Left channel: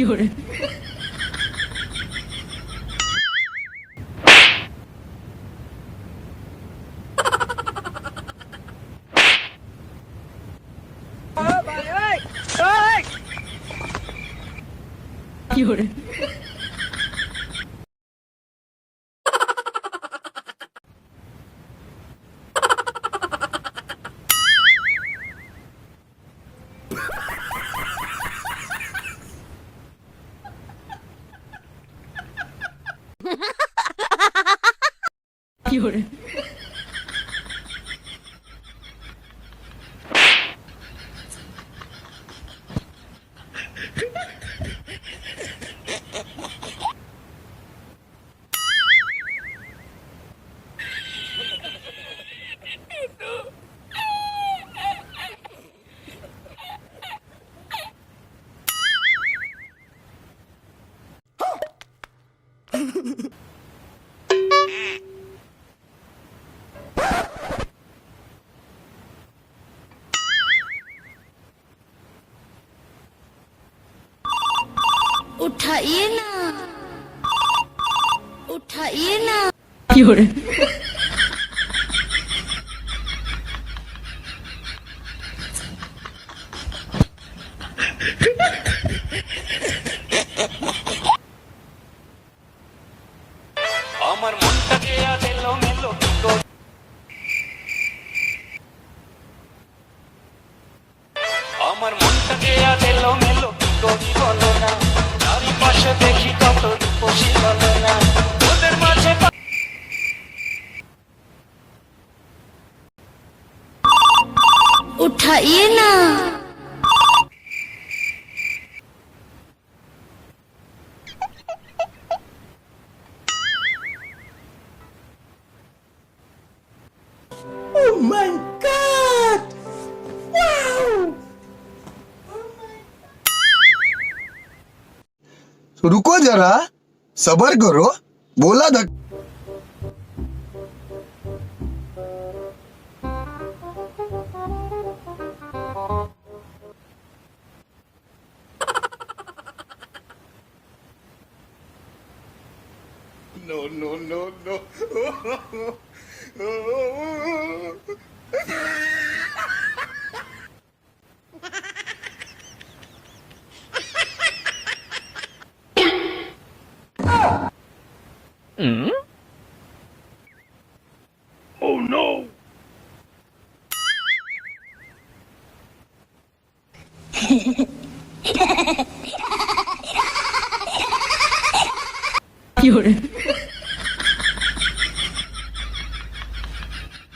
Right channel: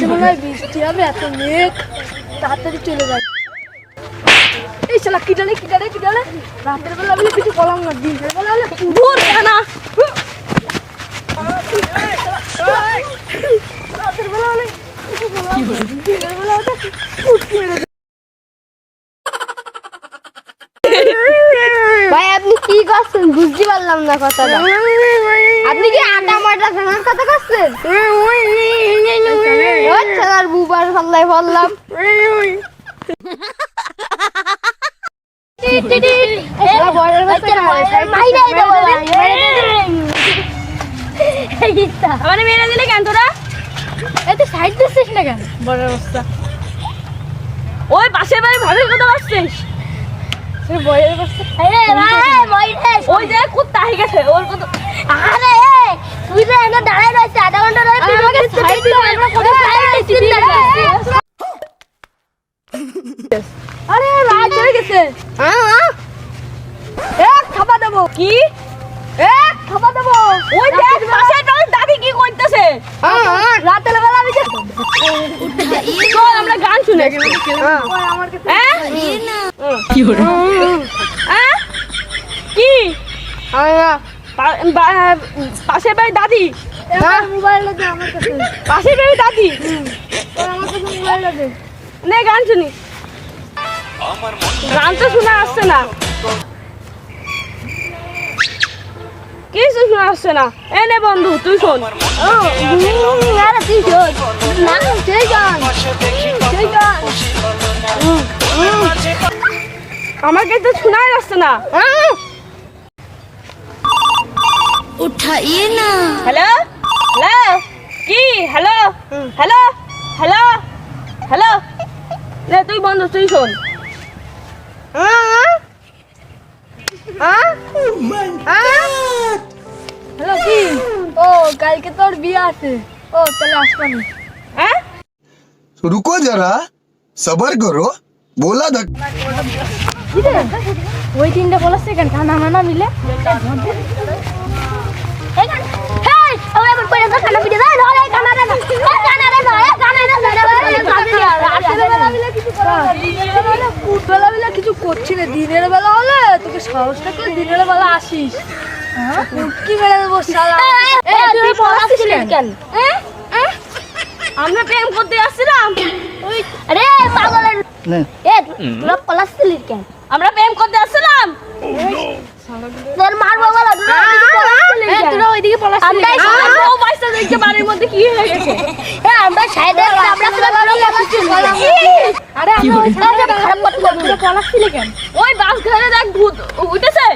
সন্ধ্যাবেলায় বৃষ্টি হবে, এত মেঘ, তাড়াতাড়ি চলে যায়। এই শালা কি ডালে রাতের বেলা আমি কিছু বললাম না, দিনের বেলা হলে দূর না। রাতের বেলা হলে কি করে, দিনের বেলা হলে ভাই আপনি কি করছেন বুঝতে পারলাম না কথাটা। আপনি কি আটা মাটা ভাঙার কথা করছেন? আর বুবার পাল্লায় বললাম মানে মেরে দিলে কেন তোরা? এত সাইড দিচ্ছিস না কেন? বড় অবস্থা ওই পাশের বাড়ি ভাবির কথা বলছিস? বইয়ের অবস্থা ওই যে কুত্তা হয়ে গেছে ওর কত। আরে তুই যে এনে দাঁড়ায় রয়েছে আধা ঘন্টা ধরে, তুই আমাকে সাইড দিও, আমরা কোথায় সাইড দিচ্ছি না। আরে রাত হয়ে গেছে। এক খাবার দেবো কি? এক খাবার দেবো। ওই দেখ পাশের বাড়ির দাদি কি করতেছে। রাতের বেলা আমি চল আমরা গান শুনে। কি করে কি পাশের বাড়ির দাদি? মোবাইল লাগে আমার কাছে, পাশের বাড়ির দাদি আমার কাছে মোবাইল লাগে। নে গান শুনি। গান তো শোনা আসছে না, কিছু শোনা আসছে না। এ নে বন্ধু তুই শোন। আমাকে তো শোনাই যাচ্ছে না। उठाइए ना হ্যালো হ্যালো কি হ্যালো হ্যালো হ্যালো হ্যালো নে তুই বন্ধু তুই শোন। হ্যালো কি? ও কালকে তোর বিয়ে আছে, ও তাহলে আসবানি। হ্যাঁ रुको जरा सबर करो बोला धक ওই তিনটা বলেছে কেন খানা মানা মিলে কিছু করছি না, দিনের বেলা হলে তোকে সাহস থাকলে দিনের বেলা আসিস, কি বেলা দেবো শালা। কেন আমরা প্রেম করতে আসছিলাম? আরে পাগলের এ তোরা পলাচ্ছিলি কেন? আমরা প্রেম করতে আসছিলাম। তোর মারবো বলা, তোরা ওইদিকে পলাচ্ছিলি। আমরা ও বাইসটা দেখতে বাড়ির মধ্যে কি হয়ে গেছে। আমরা সাইডে আরে কি করে? খারাপ কথা পলাচ্ছিলি কেন? ওই বাস ধরে দেখ ভূত উঠেছে।